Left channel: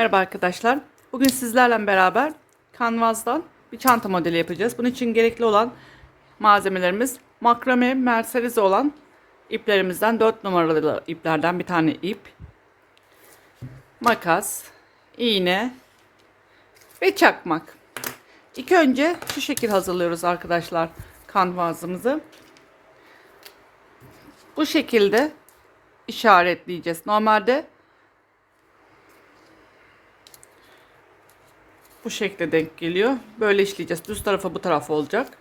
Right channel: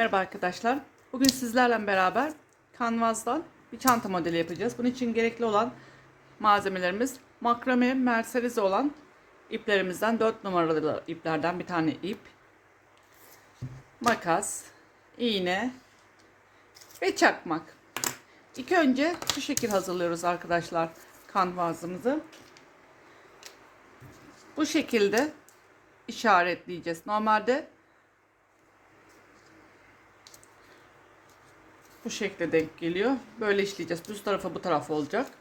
Merhaba arkadaşlar. Bugün sizlerle beraber kanvazdan bir çanta modeli yapacağız. Bunun için gerekli olan malzemelerimiz makrame merserize olan iplerimizden 4 numaralı iplerden bir tane ip, makas, iğne ve çakmak. İlk önce şu şekil hazırlıyoruz arkadaşlar kanvazımızı. Bu şekilde işaretleyeceğiz. Normalde bu şekilde denk geliyor. Böyle işleyeceğiz. Düz tarafa bu taraf olacak.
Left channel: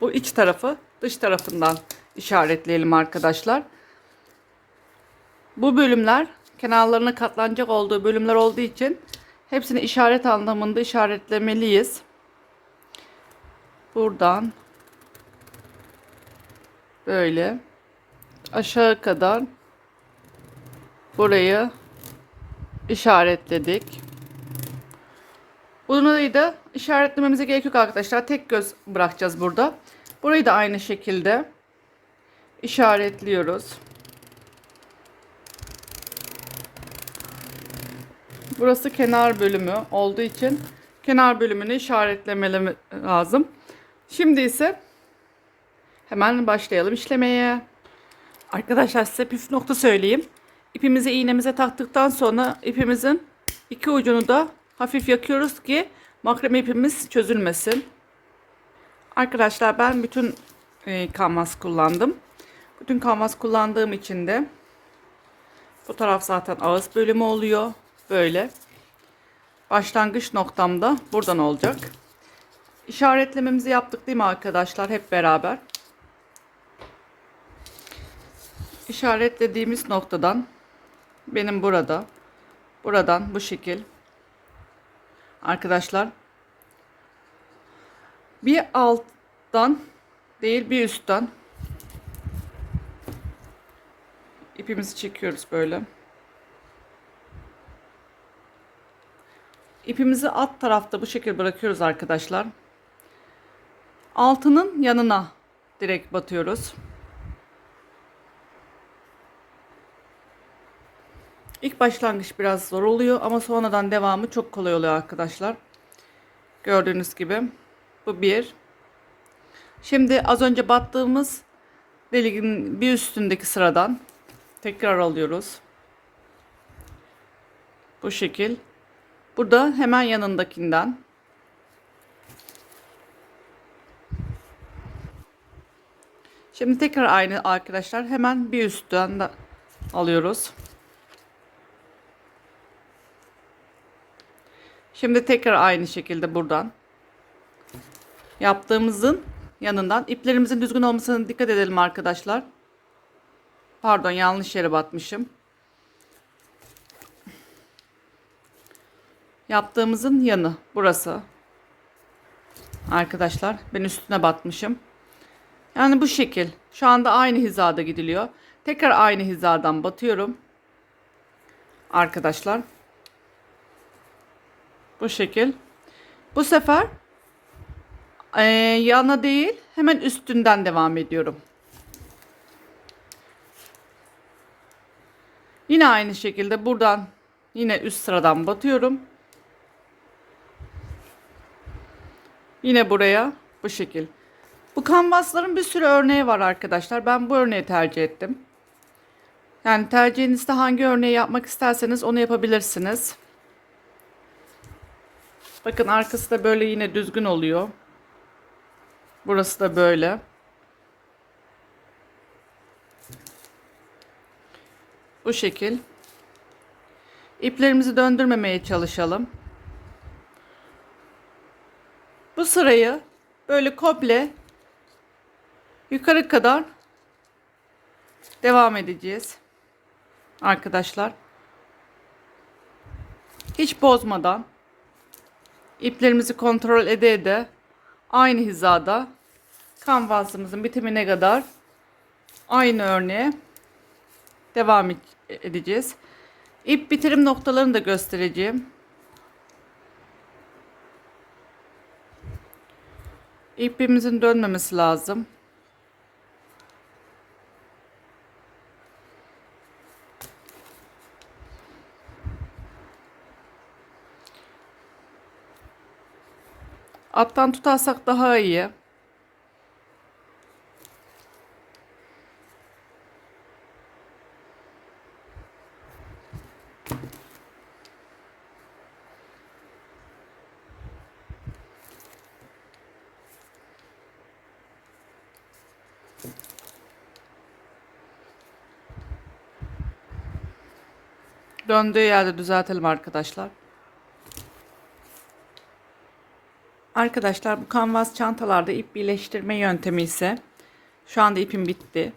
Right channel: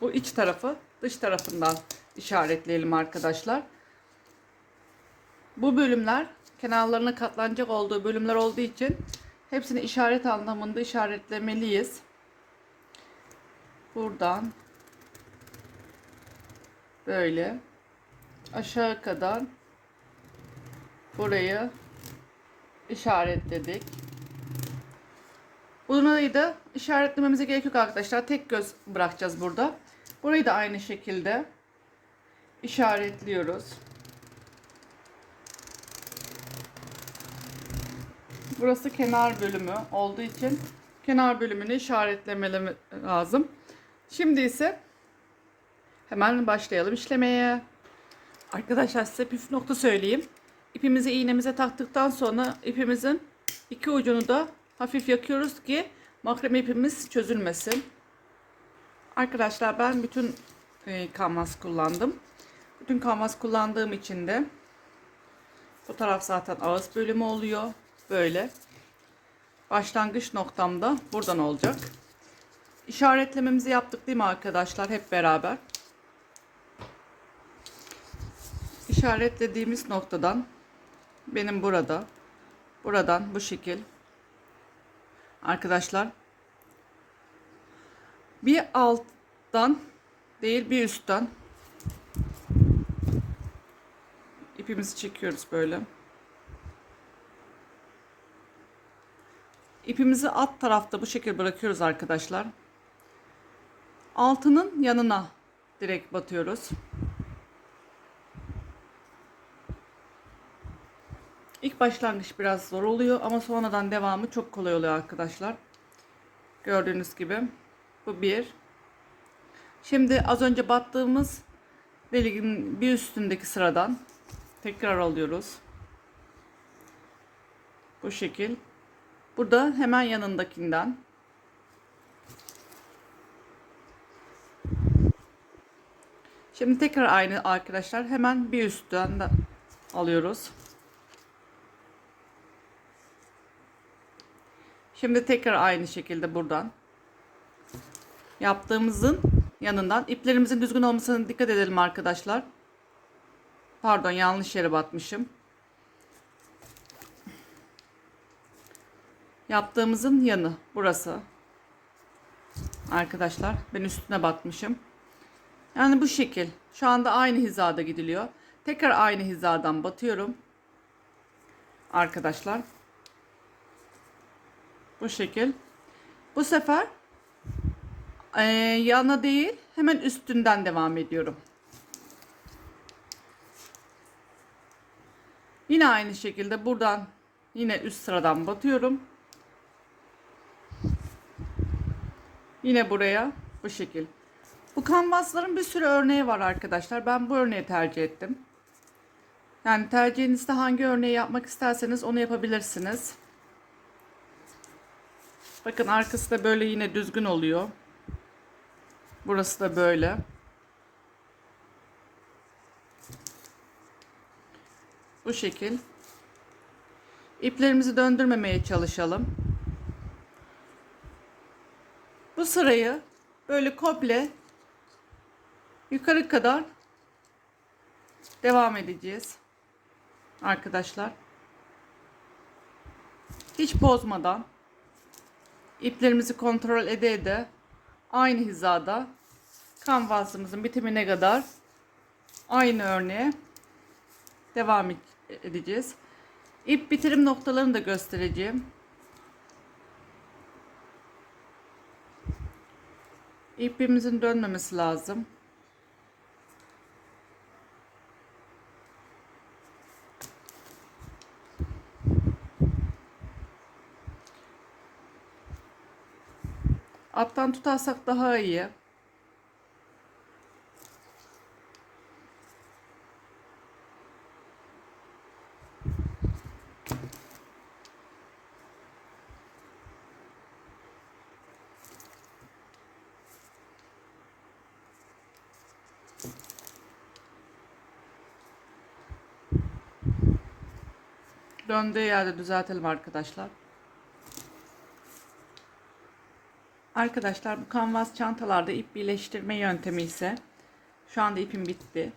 Bu iç tarafı dış tarafından işaretleyelim arkadaşlar. Bu bölümler kenarlarına katlanacak olduğu bölümler olduğu için hepsini işaret anlamında işaretlemeliyiz. Buradan böyle aşağı kadar burayı işaretledik. Bunu da işaretlememize gerek yok arkadaşlar. Tek göz bırakacağız burada. Burayı da aynı şekilde işaretliyoruz. Burası kenar bölümü olduğu için kenar bölümünü işaretlemem lazım. Şimdi ise hemen başlayalım işlemeye. Arkadaşlar size püf nokta söyleyeyim. İpimizi iğnemize taktıktan sonra ipimizin iki ucunu da hafif yakıyoruz ki makrame ipimiz çözülmesin. Arkadaşlar ben bütün e, kanvas kullandım. Bütün kanvas kullandığım için de bu taraf zaten ağız bölümü oluyor. Böyle. Başlangıç noktam da buradan olacak. İşaretlememizi yaptık değil mi arkadaşlar? Hep beraber. İşaretlediğimiz noktadan benim burada buradan bu şekil. Arkadaşlar bir alttan değil bir üstten ipimizi çekiyoruz böyle. İpimizi alt tarafta bu şekilde bırakıyoruz arkadaşlar. Altının yanına direkt batıyoruz Başlangıç biraz zor oluyor ama sonradan devamı çok kolay oluyor arkadaşlar. Gördüğünüz gibi bu bir. Şimdi az önce battığımız deliğin bir üstündeki sıradan tekrar alıyoruz. Bu şekil. Burada hemen yanındakinden Şimdi tekrar aynı arkadaşlar hemen bir üstten alıyoruz. Şimdi tekrar aynı şekilde buradan yaptığımızın yanından iplerimizin düzgün olmasına dikkat edelim arkadaşlar. Pardon yanlış yere batmışım. Yaptığımızın yanı burası. Arkadaşlar ben üstüne batmışım. Yani bu şekil. Şu anda aynı hizada gidiliyor. Tekrar aynı hizadan batıyorum. Arkadaşlar. Bu şekil. Bu sefer e, yana değil hemen üstünden devam ediyorum. Yine aynı şekilde buradan yine üst sıradan batıyorum. Yine buraya bu şekil. Bu kanvasların bir sürü örneği var arkadaşlar. Ben bu örneği tercih ettim. Yani tercihinizde hangi örneği yapmak isterseniz onu yapabilirsiniz. Bakın arkası da böyle yine düzgün oluyor. Burası da böyle. Bu şekil. İplerimizi döndürmemeye çalışalım. Bu sırayı böyle komple yukarı kadar devam edeceğiz. Arkadaşlar. Hiç bozmadan iplerimizi kontrol ede ede aynı hizada kanvasımızın bitimine kadar aynı örneğe devam edeceğiz. İp bitirim noktalarını da göstereceğim. İpimizin dönmemesi lazım. Alttan tutarsak daha iyi. Döndüğü yerde düzeltelim arkadaşlar. Arkadaşlar bu kanvas çantalarda ip birleştirme yöntemi ise şu anda ipim bitti.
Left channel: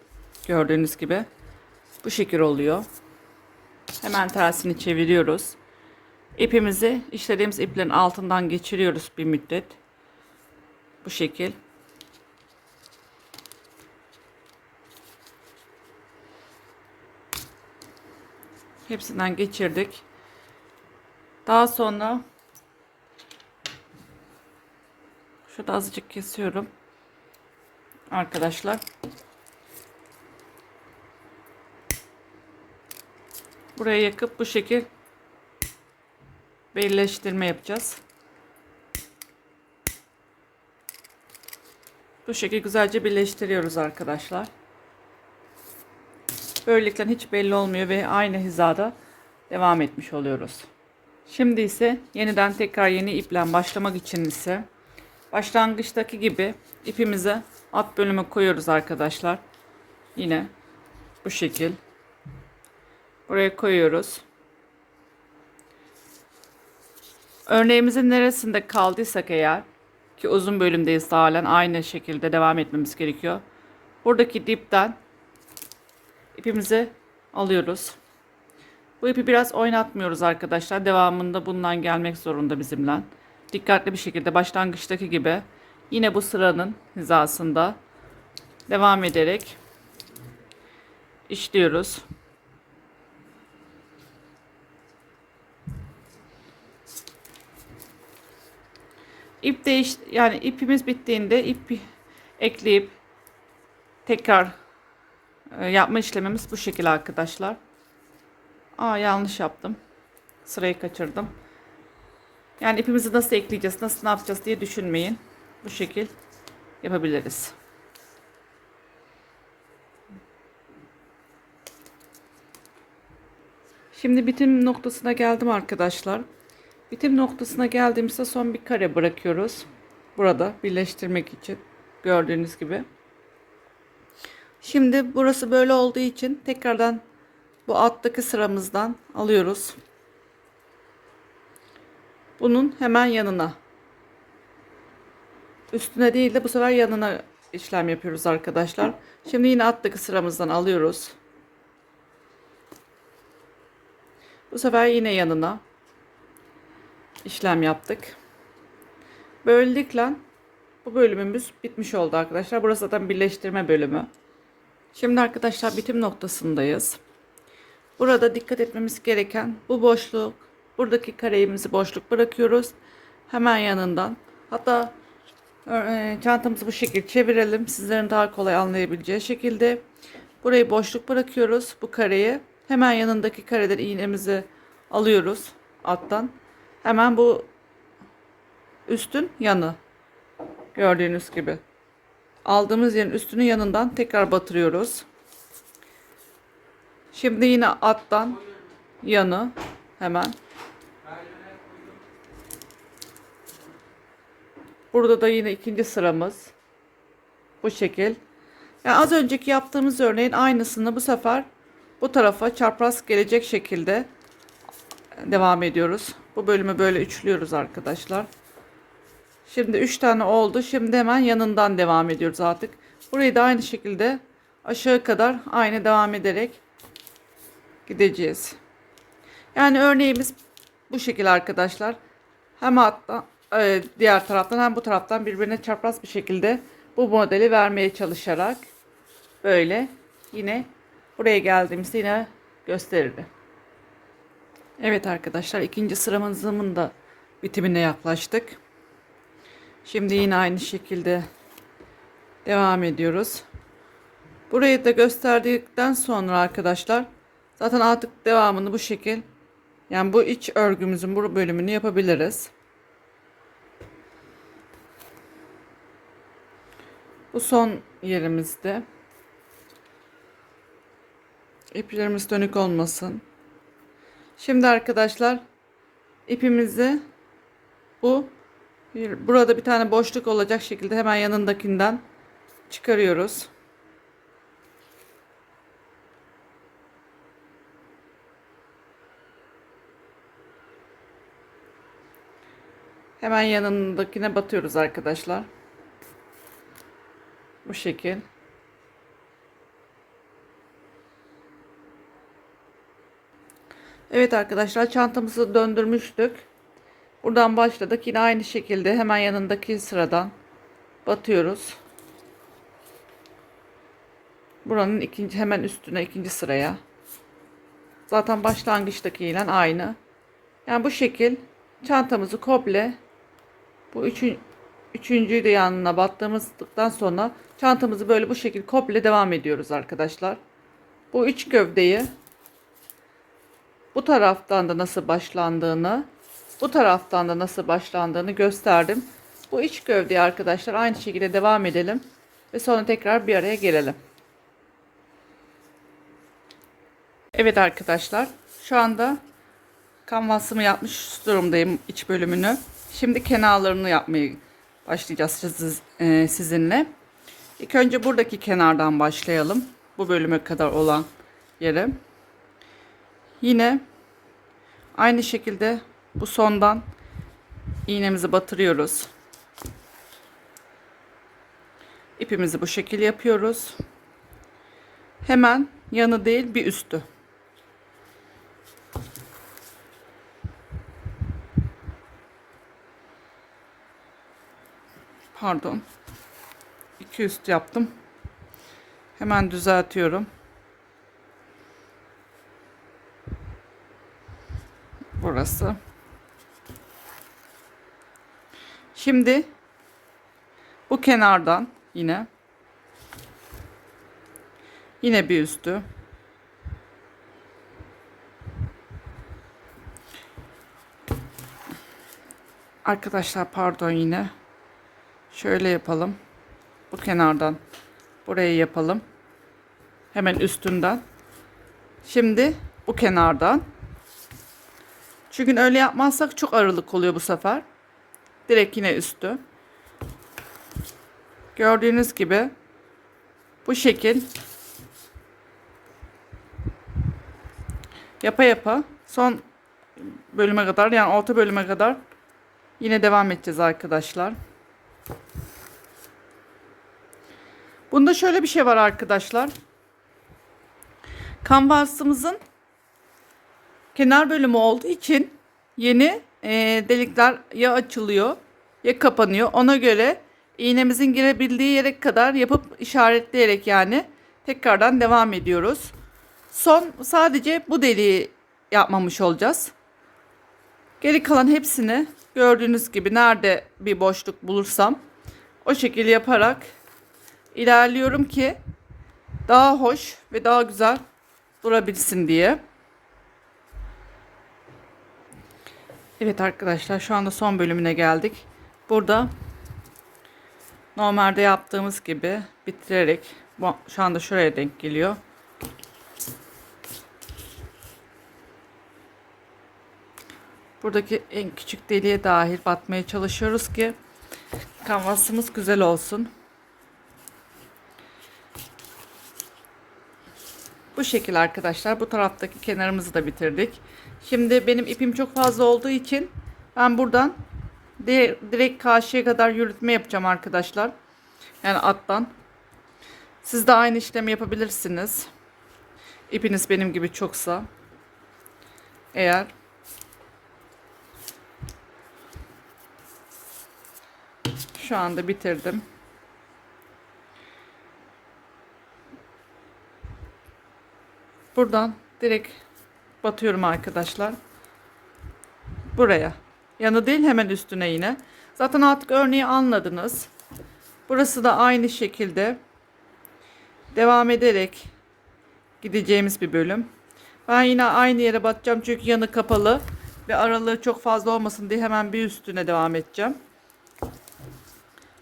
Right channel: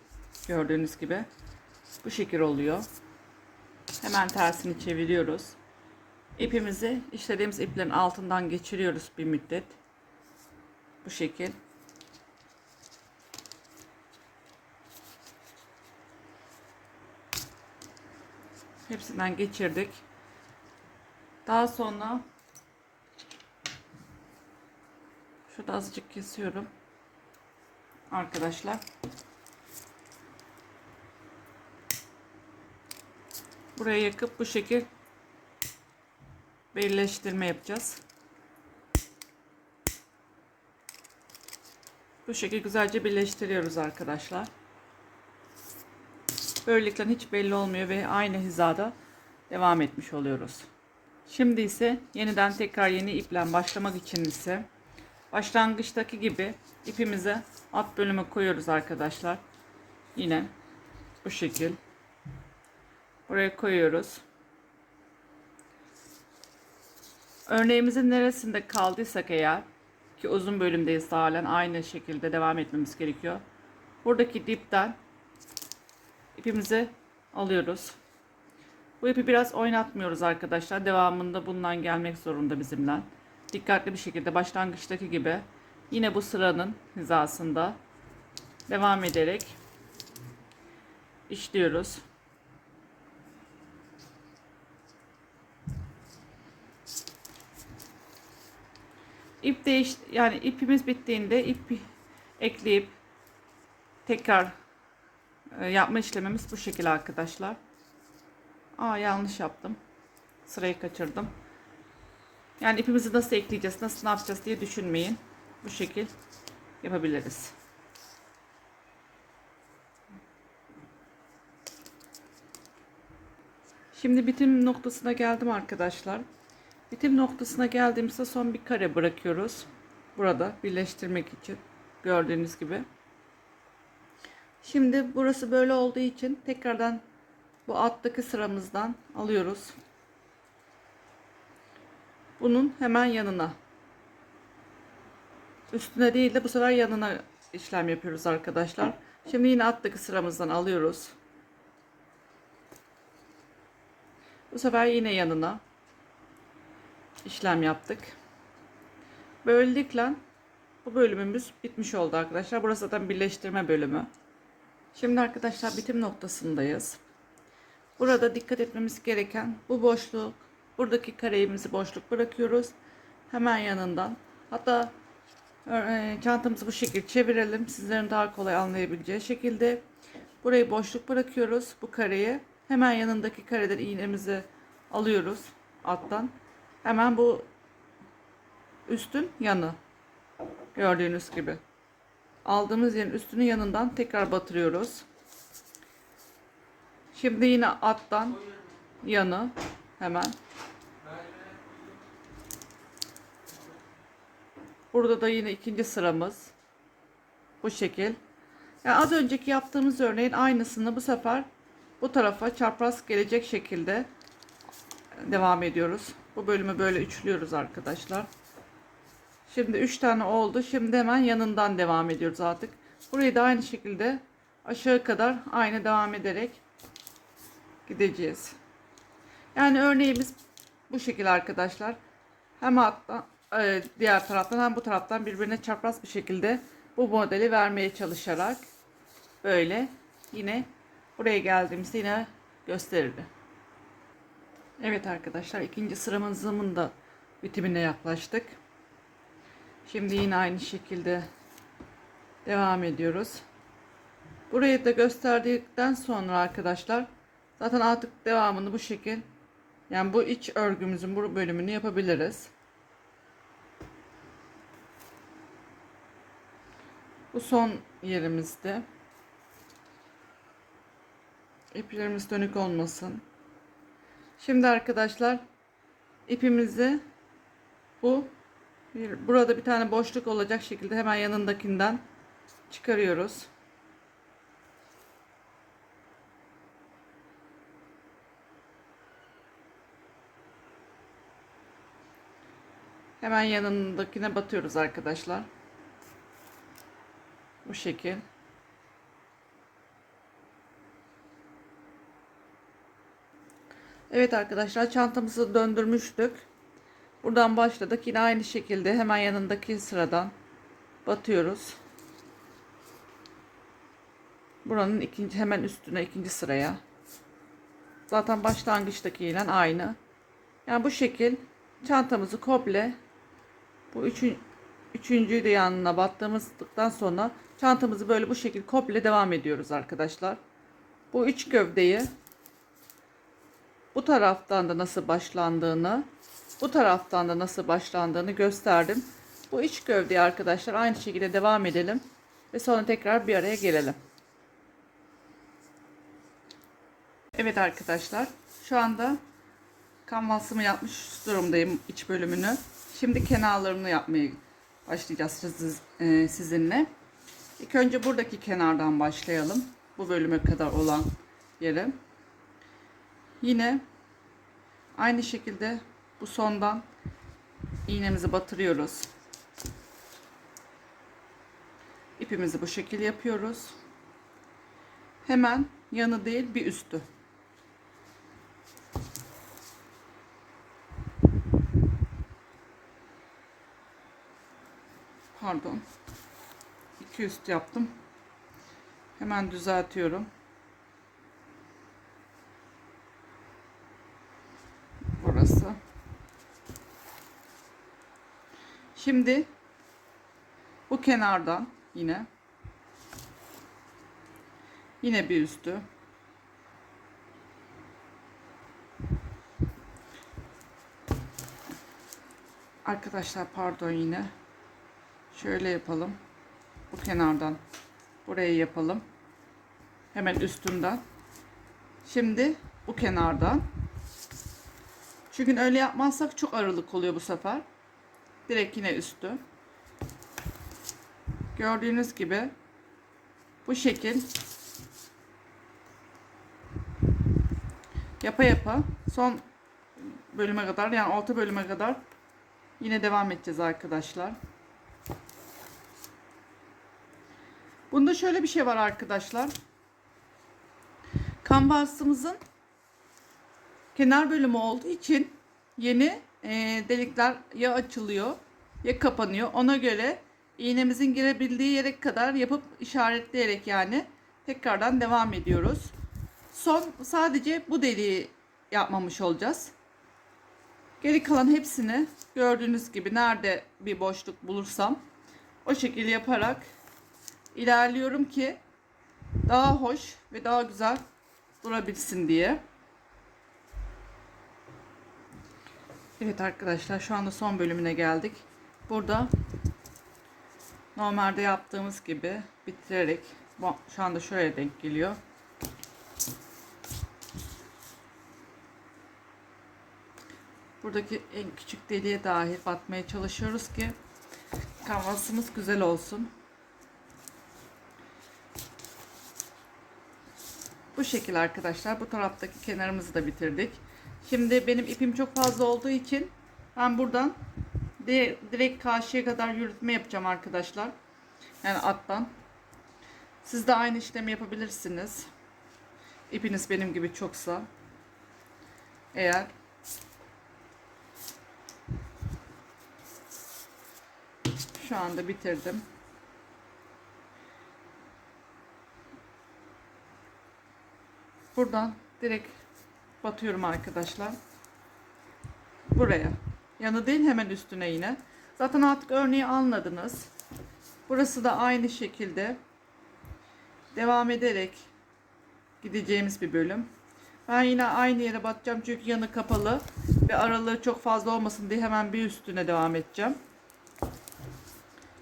Gördüğünüz gibi bu şekil oluyor. Hemen tersini çeviriyoruz. İpimizi işlediğimiz iplerin altından geçiriyoruz bir müddet. Bu şekil. Hepsinden geçirdik. Daha sonra şurada azıcık kesiyorum. Arkadaşlar. Buraya yakıp bu şekil birleştirme yapacağız. Bu şekilde güzelce birleştiriyoruz arkadaşlar. Böylelikle hiç belli olmuyor ve aynı hizada devam etmiş oluyoruz. Şimdi ise yeniden tekrar yeni iple başlamak için ise başlangıçtaki gibi ipimizi alt bölüme koyuyoruz arkadaşlar. Yine bu şekil. Buraya koyuyoruz. Örneğimizin neresinde kaldıysak eğer ki uzun bölümdeyiz halen aynı şekilde devam etmemiz gerekiyor. Buradaki dipten ipimizi alıyoruz. Bu ipi biraz oynatmıyoruz arkadaşlar. Devamında bundan gelmek zorunda bizimle. Dikkatli bir şekilde başlangıçtaki gibi yine bu sıranın hizasında devam ederek işliyoruz. İp değiş yani ipimiz bittiğinde ip ekleyip tekrar e, yapma işlemimiz bu şekilde arkadaşlar. Aa yanlış yaptım. Sırayı kaçırdım. Yani ipimizi nasıl ekleyeceğiz, nasıl yapacağız diye düşünmeyin. Bu şekil yapabiliriz. Şimdi bitim noktasına geldim arkadaşlar. Bitim noktasına geldiğimizde son bir kare bırakıyoruz. Burada birleştirmek için gördüğünüz gibi. Şimdi burası böyle olduğu için tekrardan bu alttaki sıramızdan alıyoruz. Bunun hemen yanına. Üstüne değil de bu sefer yanına işlem yapıyoruz arkadaşlar. Şimdi yine alttaki sıramızdan alıyoruz. Bu sefer yine yanına işlem yaptık. Böylelikle bu bölümümüz bitmiş oldu arkadaşlar. Burası zaten birleştirme bölümü. Şimdi arkadaşlar bitim noktasındayız. Burada dikkat etmemiz gereken bu boşluk, buradaki kareğimizi boşluk bırakıyoruz. Hemen yanından. Hatta e, çantamızı bu şekilde çevirelim. Sizlerin daha kolay anlayabileceği şekilde. Burayı boşluk bırakıyoruz bu kareyi. Hemen yanındaki kareden iğnemizi alıyoruz alttan. Hemen bu üstün yanı. Gördüğünüz gibi aldığımız yerin üstünün yanından tekrar batırıyoruz. Şimdi yine alttan yanı hemen. Burada da yine ikinci sıramız. Bu şekil. Yani az önceki yaptığımız örneğin aynısını bu sefer bu tarafa çapraz gelecek şekilde devam ediyoruz. Bu bölümü böyle üçlüyoruz arkadaşlar. Şimdi 3 tane oldu. Şimdi hemen yanından devam ediyoruz artık. Burayı da aynı şekilde aşağı kadar aynı devam ederek gideceğiz. Yani örneğimiz bu şekilde arkadaşlar. Hem hatta e, diğer taraftan hem bu taraftan birbirine çapraz bir şekilde bu modeli vermeye çalışarak böyle yine buraya geldiğimizde yine gösterirdi. Evet arkadaşlar ikinci sıramızın da bitimine yaklaştık. Şimdi yine aynı şekilde devam ediyoruz. Burayı da gösterdikten sonra arkadaşlar zaten artık devamını bu şekil yani bu iç örgümüzün bu bölümünü yapabiliriz. Bu son yerimizde. İplerimiz dönük olmasın. Şimdi arkadaşlar ipimizi bu bir- burada bir tane boşluk olacak şekilde hemen yanındakinden çıkarıyoruz. Hemen yanındakine batıyoruz arkadaşlar. Bu şekil. Evet arkadaşlar çantamızı döndürmüştük. Buradan başladık. Yine aynı şekilde hemen yanındaki sıradan batıyoruz. Buranın ikinci hemen üstüne ikinci sıraya. Zaten başlangıçtaki ile aynı. Yani bu şekil çantamızı komple bu üçün, üçüncüyü de yanına battığımızdan sonra çantamızı böyle bu şekil komple devam ediyoruz arkadaşlar. Bu üç gövdeyi bu taraftan da nasıl başlandığını, bu taraftan da nasıl başlandığını gösterdim. Bu iç gövdeyi arkadaşlar aynı şekilde devam edelim ve sonra tekrar bir araya gelelim. Evet arkadaşlar, şu anda kanvasımı yapmış durumdayım iç bölümünü. Şimdi kenarlarını yapmaya başlayacağız e, sizinle. İlk önce buradaki kenardan başlayalım. Bu bölüme kadar olan yere. Yine aynı şekilde bu sondan iğnemizi batırıyoruz. İpimizi bu şekil yapıyoruz. Hemen yanı değil bir üstü. Pardon. İki üst yaptım. Hemen düzeltiyorum. Burası. Şimdi bu kenardan yine yine bir üstü Arkadaşlar pardon yine şöyle yapalım. Bu kenardan burayı yapalım. Hemen üstünden. Şimdi bu kenardan çünkü öyle yapmazsak çok aralık oluyor bu sefer. Direkt yine üstü. Gördüğünüz gibi bu şekil yapa yapa son bölüme kadar yani orta bölüme kadar yine devam edeceğiz arkadaşlar. Bunda şöyle bir şey var arkadaşlar. Kanvasımızın kenar bölümü olduğu için yeni e, delikler ya açılıyor ya kapanıyor. Ona göre iğnemizin girebildiği yere kadar yapıp işaretleyerek yani tekrardan devam ediyoruz. Son sadece bu deliği yapmamış olacağız. Geri kalan hepsini gördüğünüz gibi nerede bir boşluk bulursam o şekilde yaparak ilerliyorum ki daha hoş ve daha güzel durabilsin diye. Evet arkadaşlar şu anda son bölümüne geldik. Burada normalde yaptığımız gibi bitirerek şu anda şuraya denk geliyor. Buradaki en küçük deliğe dahil batmaya çalışıyoruz ki kanvasımız güzel olsun. Bu şekil arkadaşlar. Bu taraftaki kenarımızı da bitirdik. Şimdi benim ipim çok fazla olduğu için ben buradan di- direkt karşıya kadar yürütme yapacağım arkadaşlar. Yani alttan. Siz de aynı işlemi yapabilirsiniz. İpiniz benim gibi çoksa. Eğer şu anda bitirdim. Buradan direkt batıyorum arkadaşlar. Buraya. Yanı değil hemen üstüne yine. Zaten artık örneği anladınız. Burası da aynı şekilde devam ederek gideceğimiz bir bölüm. Ben yine aynı yere batacağım çünkü yanı kapalı ve aralığı çok fazla olmasın diye hemen bir üstüne devam edeceğim.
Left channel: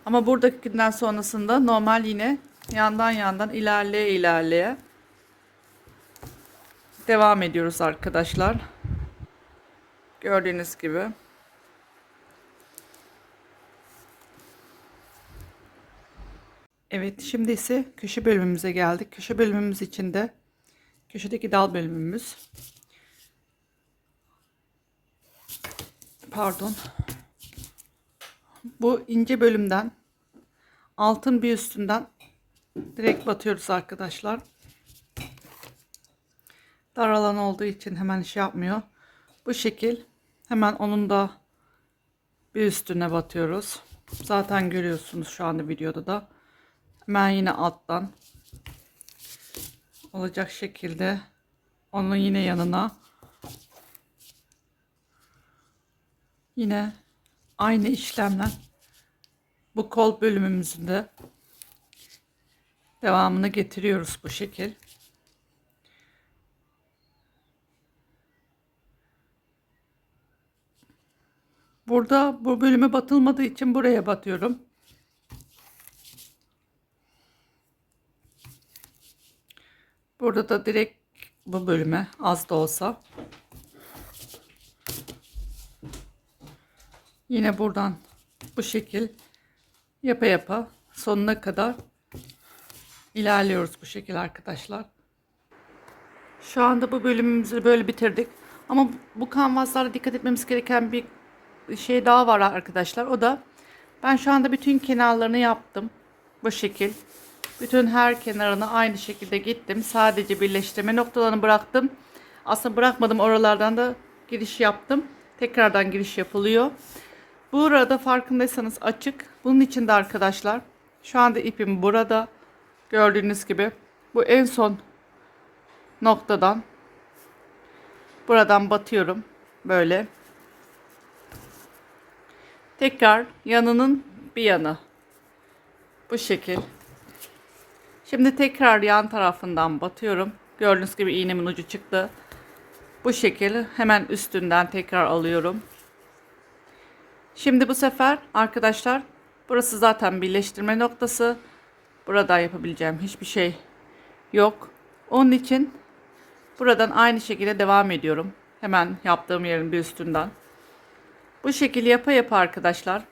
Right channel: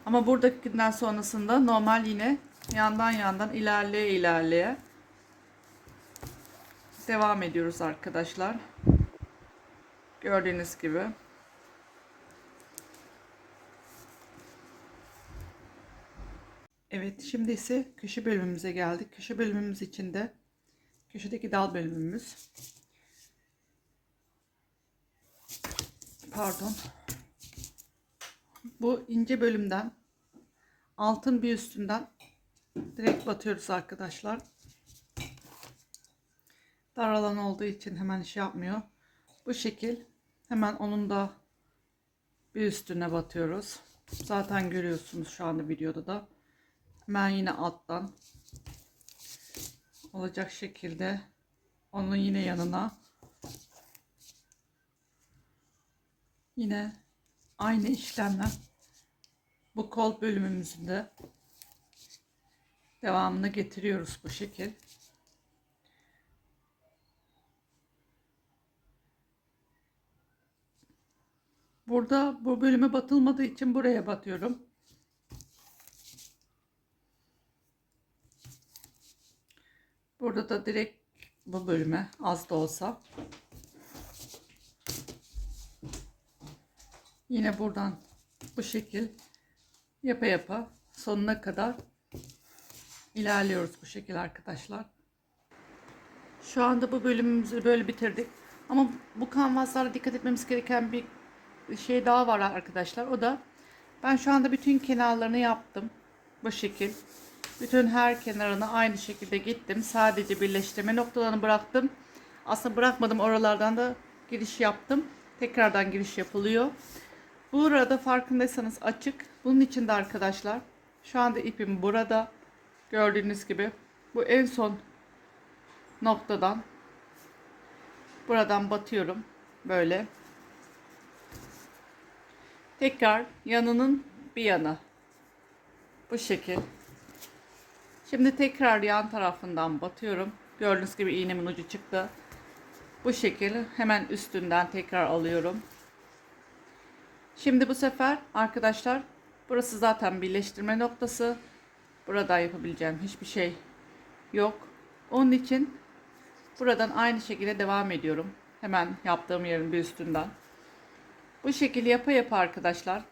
Ama buradakinden sonrasında normal yine yandan yandan ilerleye ilerleye devam ediyoruz arkadaşlar. Gördüğünüz gibi. Evet şimdi ise köşe bölümümüze geldik. Köşe bölümümüz içinde köşedeki dal bölümümüz. Pardon. Bu ince bölümden altın bir üstünden direkt batıyoruz arkadaşlar. Dar alan olduğu için hemen şey yapmıyor. Bu şekil hemen onun da bir üstüne batıyoruz. Zaten görüyorsunuz şu anda videoda da. Hemen yine alttan olacak şekilde onun yine yanına yine aynı işlemler bu kol bölümümüzün de devamını getiriyoruz bu şekil. Burada bu bölüme batılmadığı için buraya batıyorum. Burada da direkt bu bölüme az da olsa yine buradan bu şekil yapa yapa sonuna kadar ilerliyoruz bu şekil arkadaşlar. Şu anda bu bölümümüzü böyle bitirdik. Ama bu kanvaslara dikkat etmemiz gereken bir şey daha var arkadaşlar. O da ben şu anda bütün kenarlarını yaptım. Bu şekil. Bütün her kenarına aynı şekilde gittim. Sadece birleştirme noktalarını bıraktım. Aslında bırakmadım oralardan da giriş yaptım. Tekrardan giriş yapılıyor. Burada farkındaysanız açık. Bunun için de arkadaşlar şu anda ipim burada. Gördüğünüz gibi bu en son noktadan buradan batıyorum böyle. Tekrar yanının bir yana bu şekil. Şimdi tekrar yan tarafından batıyorum. Gördüğünüz gibi iğnemin ucu çıktı. Bu şekil hemen üstünden tekrar alıyorum. Şimdi bu sefer arkadaşlar burası zaten birleştirme noktası. Buradan yapabileceğim hiçbir şey yok. Onun için buradan aynı şekilde devam ediyorum. Hemen yaptığım yerin bir üstünden. Bu şekilde yapa yapa arkadaşlar.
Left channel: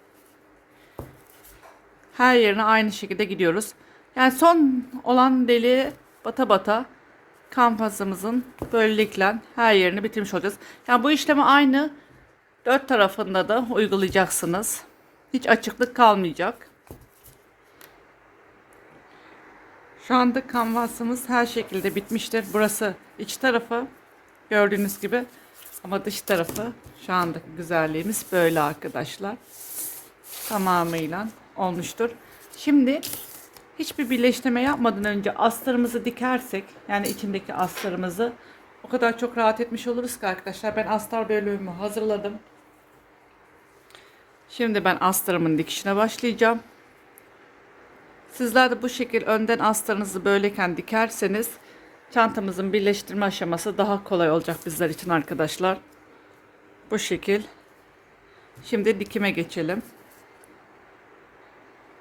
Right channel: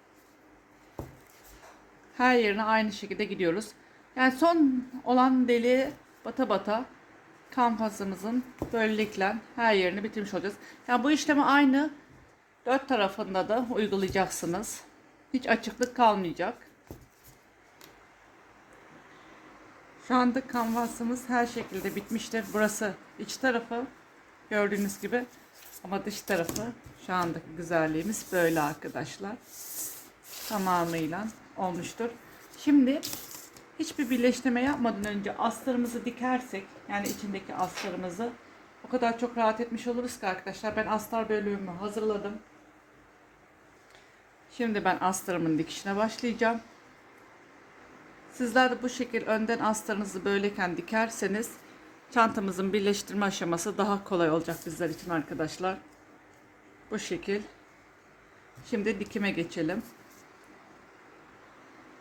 Her yerine aynı şekilde gidiyoruz. Yani son olan deliğe bata bata kampasımızın böylelikle her yerini bitirmiş olacağız. Yani bu işlemi aynı dört tarafında da uygulayacaksınız. Hiç açıklık kalmayacak. Şu anda kanvasımız her şekilde bitmiştir. Burası iç tarafı gördüğünüz gibi ama dış tarafı şu andaki güzelliğimiz böyle arkadaşlar. Tamamıyla olmuştur. Şimdi hiçbir birleştirme yapmadan önce astarımızı dikersek yani içindeki astarımızı o kadar çok rahat etmiş oluruz ki arkadaşlar. Ben astar bölümümü hazırladım. Şimdi ben astarımın dikişine başlayacağım. Sizler de bu şekil önden astarınızı böyleyken dikerseniz çantamızın birleştirme aşaması daha kolay olacak bizler için arkadaşlar. Bu şekil. Şimdi dikime geçelim.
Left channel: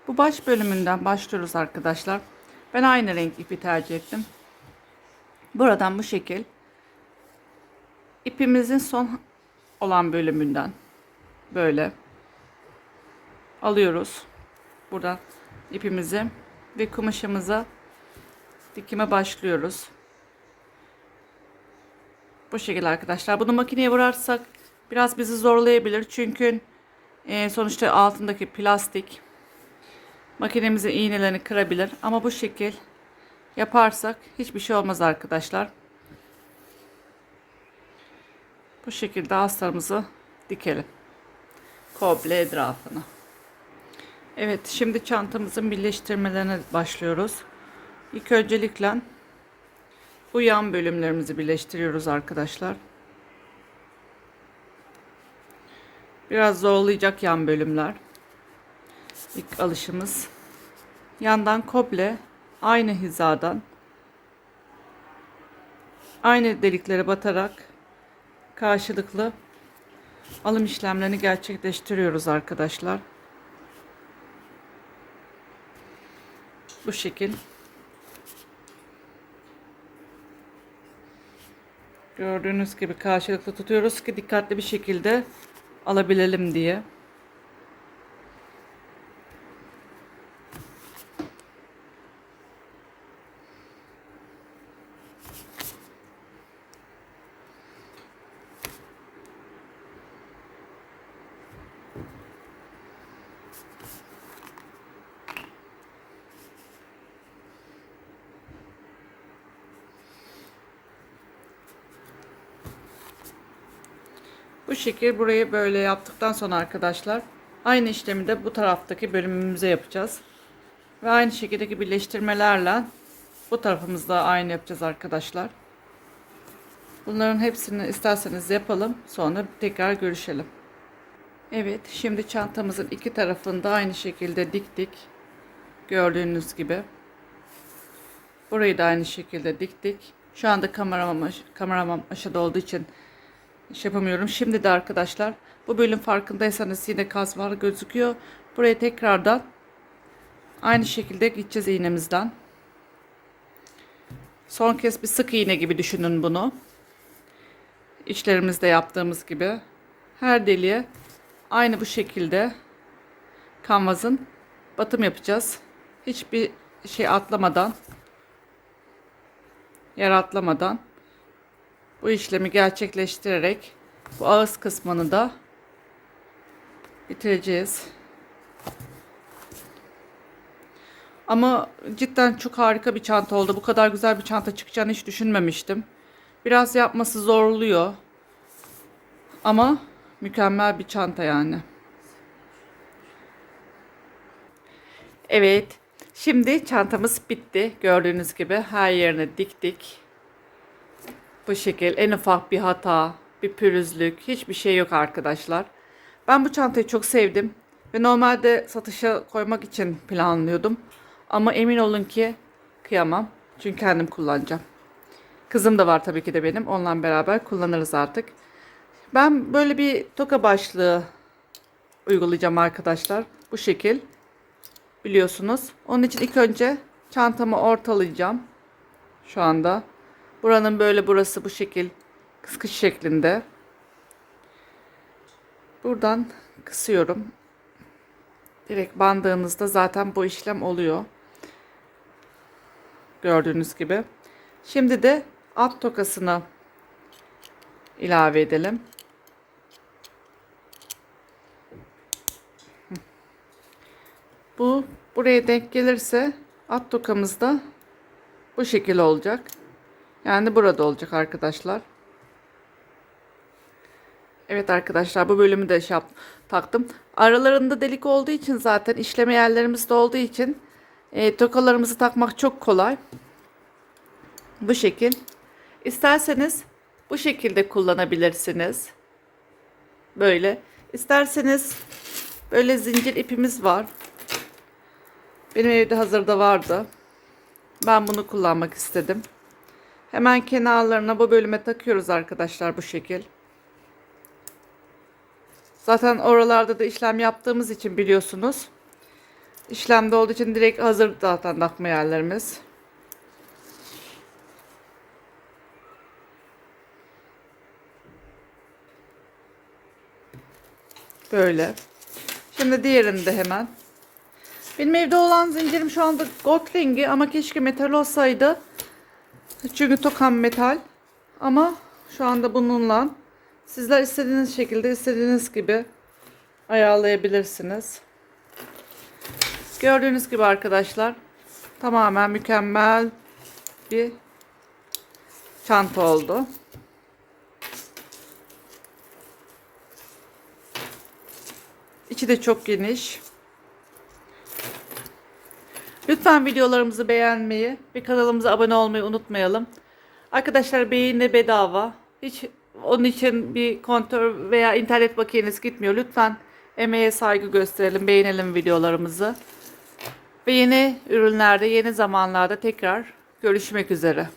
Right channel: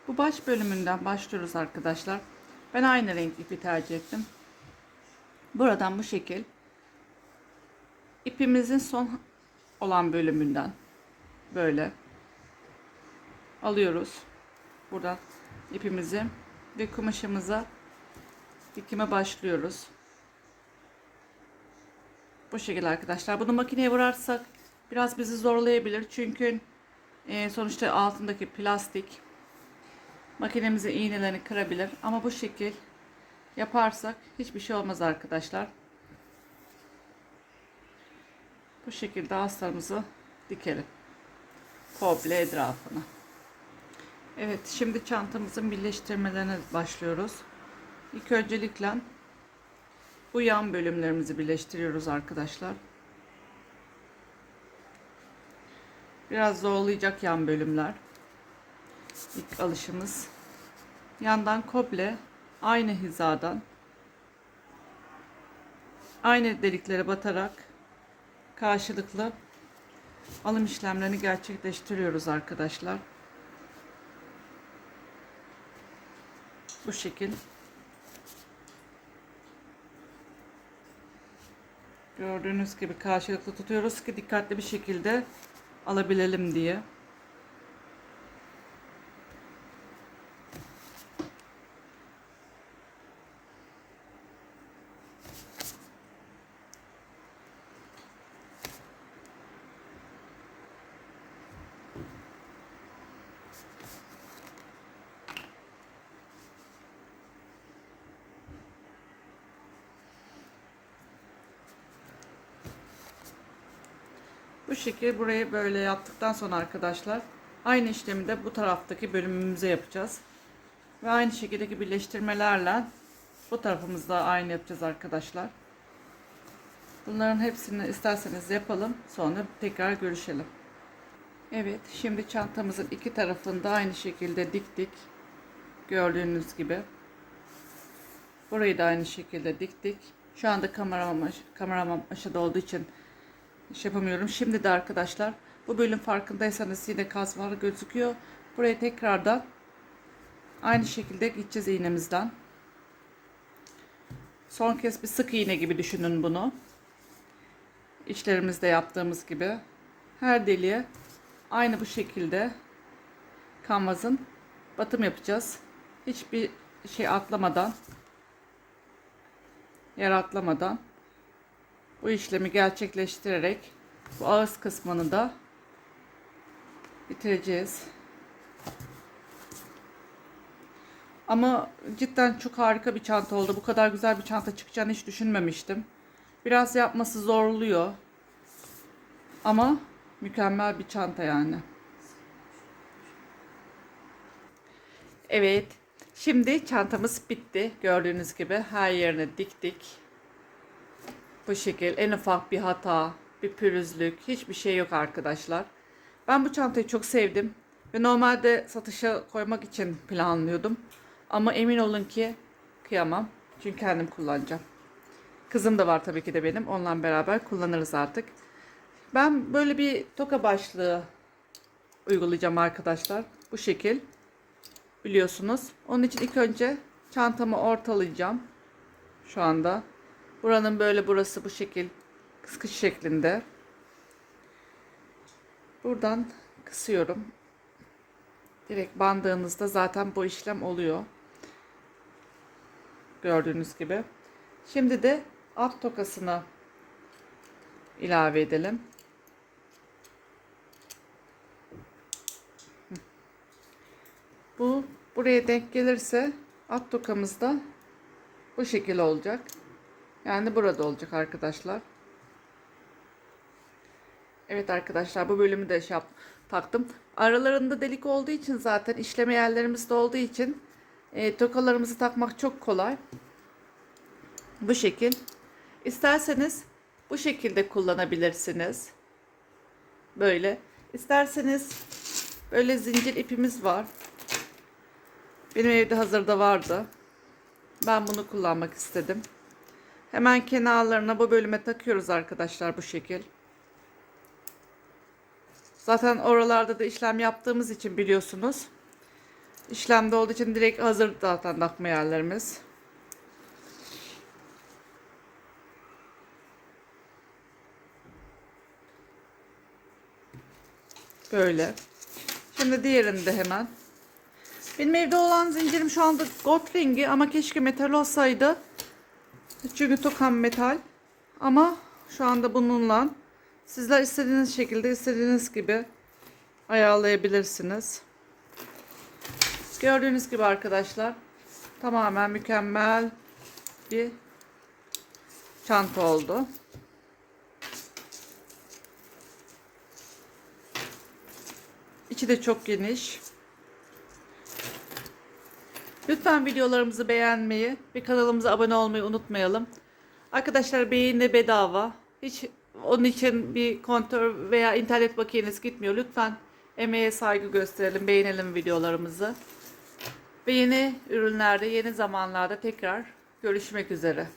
Bu baş bölümünden başlıyoruz arkadaşlar. Ben aynı renk ipi tercih ettim. Buradan bu şekil ipimizin son olan bölümünden böyle alıyoruz. Buradan ipimizi ve kumaşımıza dikime başlıyoruz. Bu şekilde arkadaşlar. Bunu makineye vurarsak biraz bizi zorlayabilir. Çünkü e, sonuçta altındaki plastik makinemizin iğnelerini kırabilir. Ama bu şekil yaparsak hiçbir şey olmaz arkadaşlar. Bu şekilde astarımızı dikelim. Komple etrafına. Evet şimdi çantamızın birleştirmelerine başlıyoruz. İlk öncelikle bu yan bölümlerimizi birleştiriyoruz arkadaşlar. Biraz zorlayacak yan bölümler. İlk alışımız. Yandan komple aynı hizadan aynı deliklere batarak karşılıklı alım işlemlerini gerçekleştiriyoruz arkadaşlar. Bu şekil. Gördüğünüz gibi karşılıklı tutuyoruz ki dikkatli bir şekilde alabilelim diye. Şekil burayı böyle yaptıktan sonra arkadaşlar aynı işlemi de bu taraftaki bölümümüze yapacağız. Ve aynı şekildeki birleştirmelerle bu tarafımızda aynı yapacağız arkadaşlar. Bunların hepsini isterseniz yapalım. Sonra tekrar görüşelim. Evet şimdi çantamızın iki tarafında aynı şekilde diktik. Gördüğünüz gibi. Burayı da aynı şekilde diktik. Şu anda kameram, kameram aşağıda olduğu için iş yapamıyorum. Şimdi de arkadaşlar bu bölüm farkındaysanız yine kaz var gözüküyor. Buraya tekrardan aynı şekilde gideceğiz iğnemizden. Son kez bir sık iğne gibi düşünün bunu. İçlerimizde yaptığımız gibi. Her deliğe aynı bu şekilde kanvazın batım yapacağız. Hiçbir şey atlamadan yer atlamadan bu işlemi gerçekleştirerek bu ağız kısmını da bitireceğiz. Ama cidden çok harika bir çanta oldu. Bu kadar güzel bir çanta çıkacağını hiç düşünmemiştim. Biraz yapması zorluyor. Ama mükemmel bir çanta yani. Evet. Şimdi çantamız bitti. Gördüğünüz gibi her yerine diktik. Bu şekil en ufak bir hata, bir pürüzlük, hiçbir şey yok arkadaşlar. Ben bu çantayı çok sevdim ve normalde satışa koymak için planlıyordum. Ama emin olun ki kıyamam. Çünkü kendim kullanacağım. Kızım da var tabii ki de benim. Onunla beraber kullanırız artık. Ben böyle bir toka başlığı uygulayacağım arkadaşlar. Bu şekil. Biliyorsunuz. Onun için ilk önce çantamı ortalayacağım. Şu anda. Buranın böyle burası bu şekil kıskış şeklinde. Buradan kısıyorum. Direkt bandığınızda zaten bu işlem oluyor. Gördüğünüz gibi. Şimdi de alt tokasını ilave edelim. Bu buraya denk gelirse alt tokamız da bu şekil olacak. Yani burada olacak arkadaşlar. Evet arkadaşlar bu bölümü de şey yap, taktım. Aralarında delik olduğu için zaten işleme yerlerimiz de olduğu için e, tokalarımızı takmak çok kolay. Bu şekil. İsterseniz bu şekilde kullanabilirsiniz. Böyle. İsterseniz böyle zincir ipimiz var. Benim evde hazırda vardı. Ben bunu kullanmak istedim. Hemen kenarlarına bu bölüme takıyoruz arkadaşlar bu şekil. Zaten oralarda da işlem yaptığımız için biliyorsunuz. İşlemde olduğu için direkt hazır zaten takma yerlerimiz. Böyle. Şimdi diğerini de hemen. Benim evde olan zincirim şu anda gold rengi ama keşke metal olsaydı. Çünkü tokam metal. Ama şu anda bununla sizler istediğiniz şekilde istediğiniz gibi ayarlayabilirsiniz. Gördüğünüz gibi arkadaşlar tamamen mükemmel bir çanta oldu. İçi de çok geniş. Lütfen videolarımızı beğenmeyi ve kanalımıza abone olmayı unutmayalım. Arkadaşlar beğeni bedava. Hiç onun için bir kontör veya internet bakiyeniz gitmiyor. Lütfen emeğe saygı gösterelim, beğenelim videolarımızı. Ve yeni ürünlerde, yeni zamanlarda tekrar görüşmek üzere.